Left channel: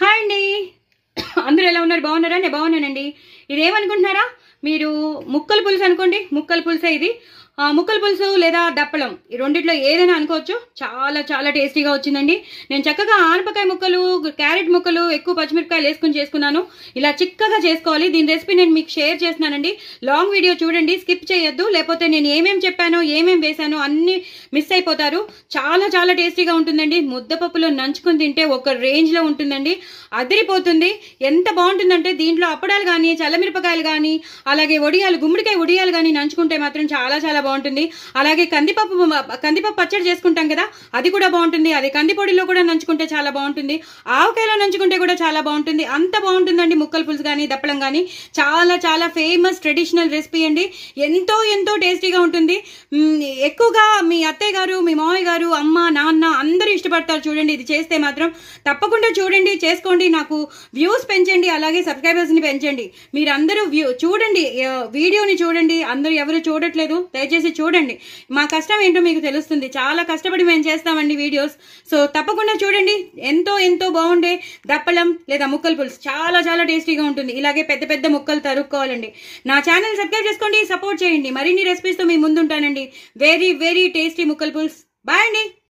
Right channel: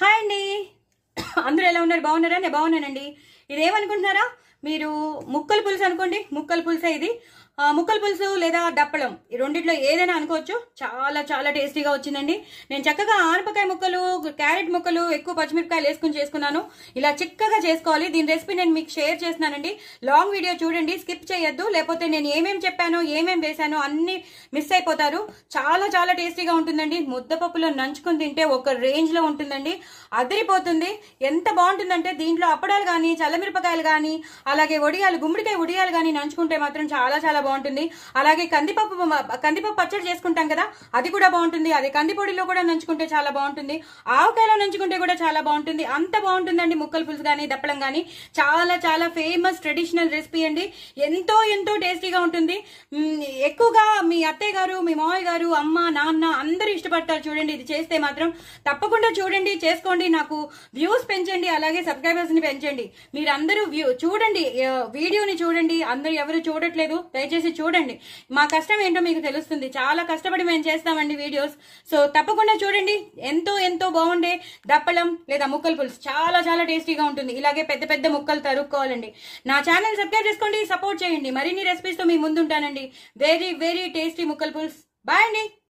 Hi అండి. అందరూ ఎలా ఉన్నారు? బాగున్నారా? నేను బాగున్నానండి. ఇదేమనుకుంటున్నారా మీరు? ముక్కల పులుసు అనుకోండి. ముక్కల పులుసే ఇది. ముక్కల పులుసు లేదా దప్పలం, ఈ రెండిట్లో ఏదైనా అనుకోవచ్చు. చాలా చాలా టేస్టీగా వచ్చిందండి. నేను చక్కగా ఆనపకాయ ముక్కలు, క్యారెట్ ముక్కలు, ఎక్కువ పచ్చిమిరపకాయలు వేసుకుని చేసుకున్నాను. ఇలా చిక్కగా చేసుకోవాలి. దీని రెసిపీ నేను మీకు షేర్ చేస్తున్నానండి. లాంగ్ వీడియో చూడండి, స్కిప్ చేయొద్దు. లేకపోతే నేను ఏమేమి చెప్పానో, ఏమేమి వేసానో అన్ని మిస్ అయిపోతారు. చాలా చాలా టేస్టీగా ఉంటుందండి. ముద్దపప్పులో నంచుకుని తింటే ఒక రేంజ్లో ఉంటుందండి. అదిరిపోతుంది. ఎంత బాగుంటుందంటే దీంట్లో అప్పడాలు కానీ, చల్లమిరపకాయలు కానీ, అలాగే వడియాలు, గుమ్మడికాయ వడియాలు కానీ నంచుకుంటే మాత్రం చాలా చాలా బాగుంటుంది. అలాగే కందిపప్పు పచ్చడి చేసుకుంటాం కదా, అది కూడా బాగుంటుంది. అదే కందిపొడిలో కూడా నంచుకుంటే చాలా బాగుంటుంది. ఆవకాయలో నంచుకుంటే కూడా చాలా బాగుంటుంది. అంత బాగుంటుందండి ముక్కల పులుసు కానీ దప్పలం కానీ. చాలా చాలా ఫేమస్ ట్రెడిషనల్ రెసిపీ అండి. ఎంతో ఎంతో టేస్టీగా ఉంటుంది. ఎక్కువగా మీ అత్తయ్య గారు, మీ మామయ్య గారు, అమ్మ, నాన్న అందరూ ఇష్టపడతారు. చూడండి, ఇది చేస్తే మాత్రం తప్పకుండా చూడండి, చేసుకోండి. నాకు వ్యూస్ పెంచండి, అలాగే సబ్స్క్రైబర్స్ ని పెంచండి. మీరందరూ చూడండి, వీడియోని చూడండి. అందరూ ఎవరు చూడట్లేదు, దయచేసి చూడండి. మా కష్టం ఏంటో మీకు తెలుస్తుంది. చాలా కష్టపడి మేము చేస్తామండి వీడియోస్. సో తప్పకుండా చూడంండి. ఎంతో ఎంతో బాగుండే దప్పలం లేదా ముక్కల పులుసు చాలా చాలా టేస్టీగా ఉంటుంది. ఇలాగే పెద్ద పెద్ద ముక్కలు తరుక్కోవాలండి. నా ఛానల్ సబ్స్క్రైబ్ చేసుకోండి, సపోర్ట్ చేయండి. మరిన్ని రెసిపీస్ తో మీ ముందుంటానండి. వెరీ వెరీ టేస్టీ ముక్కల పులుసు. బాయ్ అండి.